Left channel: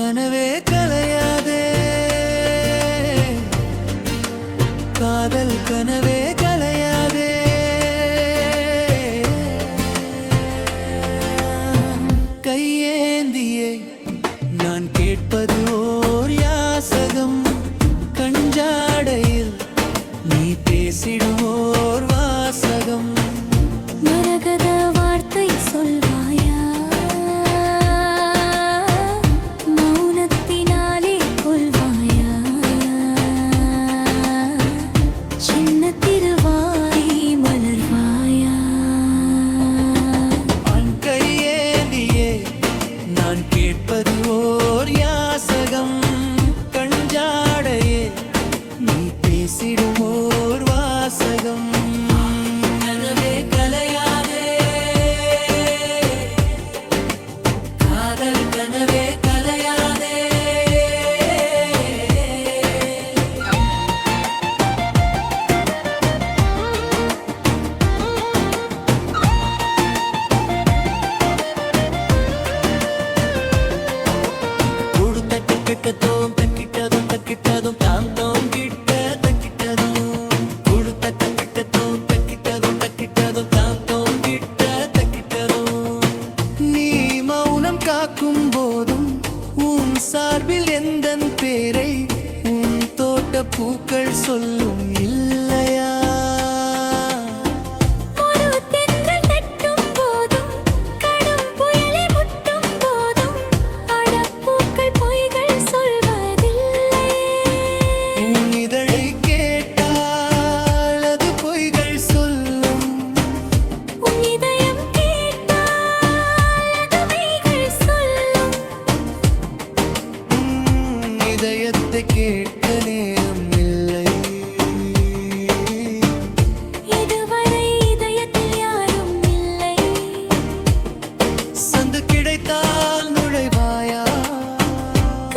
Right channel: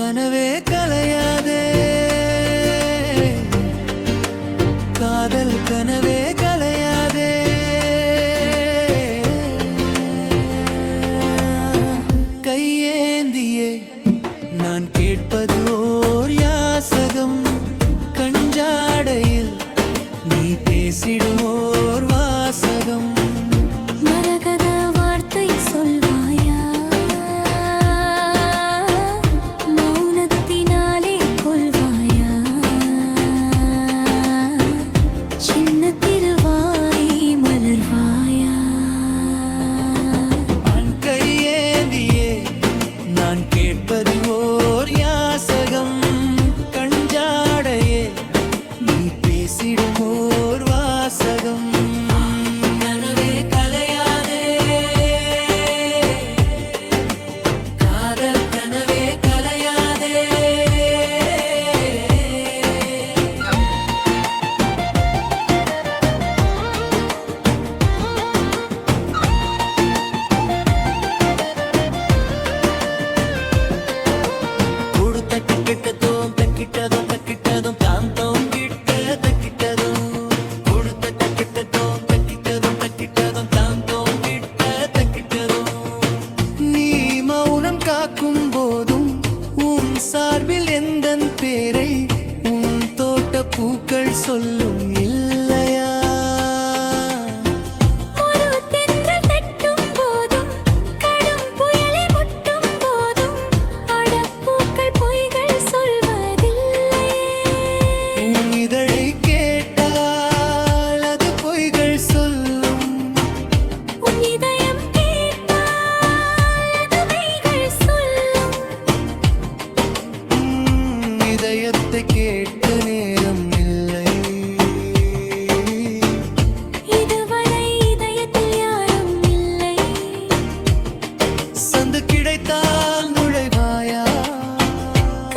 கனவே கலையாதே காதல் கனவே கலையாதே கையேந்தியே நான் கேட்பது ஓர் யாசகம் கஞ்சாடையில் நீ பேசிடும் ஓர் வாசகம் மரகத வார்த்தை சொல்வாயா மௌனத்தினாலே கொள்வாயா சின்ன திருவாய் மலர்வாயா அன் கையேந்தியே நான் கேட்பது ஓர் யாசகம் கஞ்சாடையே நீ பேசிடும் ஓர் வாசகம் கனவே கலையாதே காதல் கனவே கலையாதே கொடுத்த கிட்டதும் தக்கிட்டதும் தக்கிட்டதும் தாம் தோங்கிட்ட தக்கிட்டதும் கொடுத்த கிட்டதும் தக்கிட்டதும் தக்கிட்டதும் தாம் தோங்கிட்ட தக்கிட்டதும் நீ மௌனம் காக்கும் போதும் உன் சார்பில் எந்தன் பேரை உன் தோட்ட பூக்கள் சொல்லும் இல்லையா இதயத்தை கேட்க நேரம் இல்லை இதுவரை இதயத்தில் யாரும் இல்லை சந்து கிடைத்தால் நுழைவாயா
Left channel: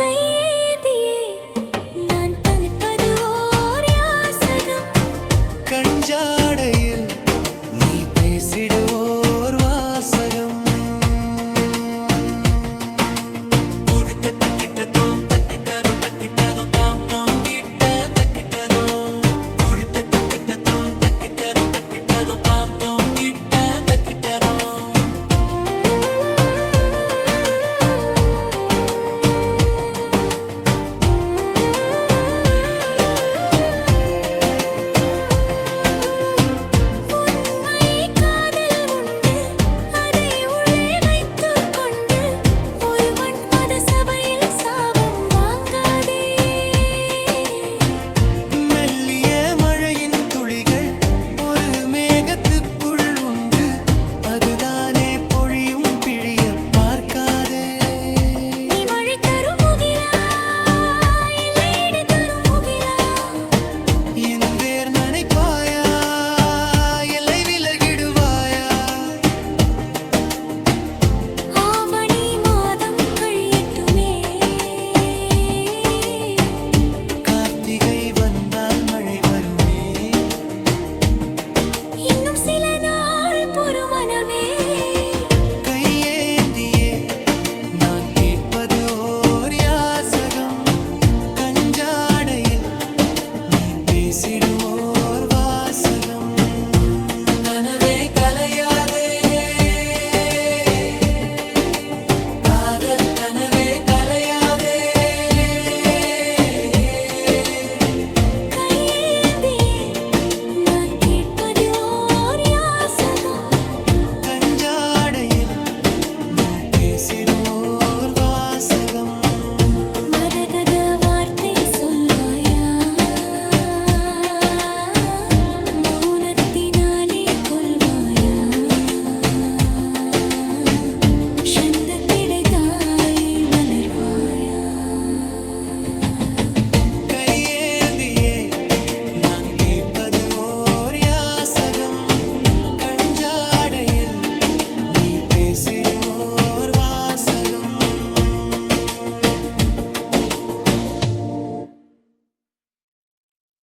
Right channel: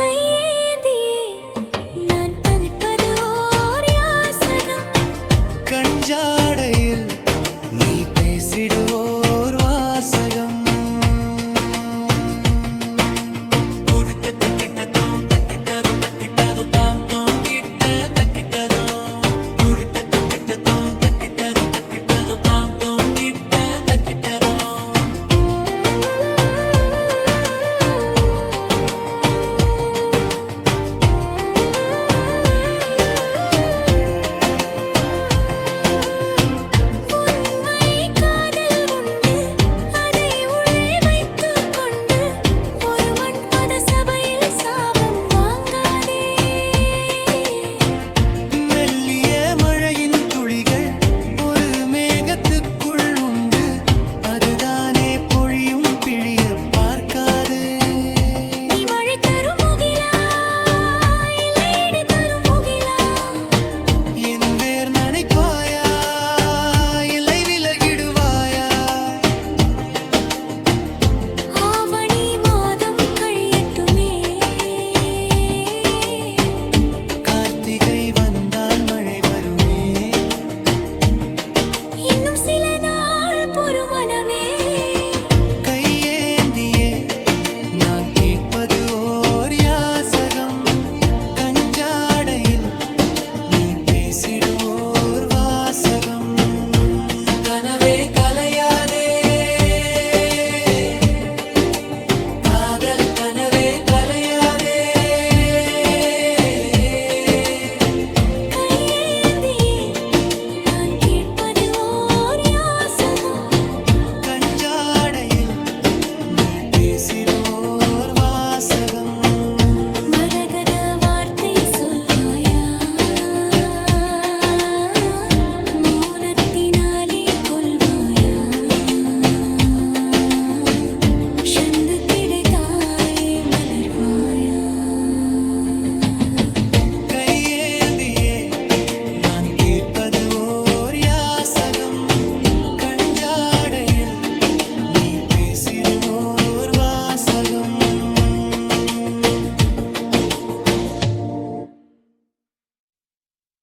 கையேந்தியே நான் தவிப்பது ஓர் யாசகம் கஞ்சாடையில் நீ பேசிடுவோர் வாசகம் அதுதானே பொழியும் பிழிய பார்க்காதே நீ மழை தரும் முகிலா இல்லை இடி தரும் முகிலா என் வேர் நனைப்பாயா இல்லை விலகிடுவாயா ஆவணி மாதம் கழியட்டுமே கார்த்திகை வந்தால் மழை வருமே இன்னும் சில நாள் பொறுமனமே கையேந்தியே நான் கேட்பது ஓர் யாசகம் கஞ்சாடையில் நீ பேசிடும் ஓர் வாசகம்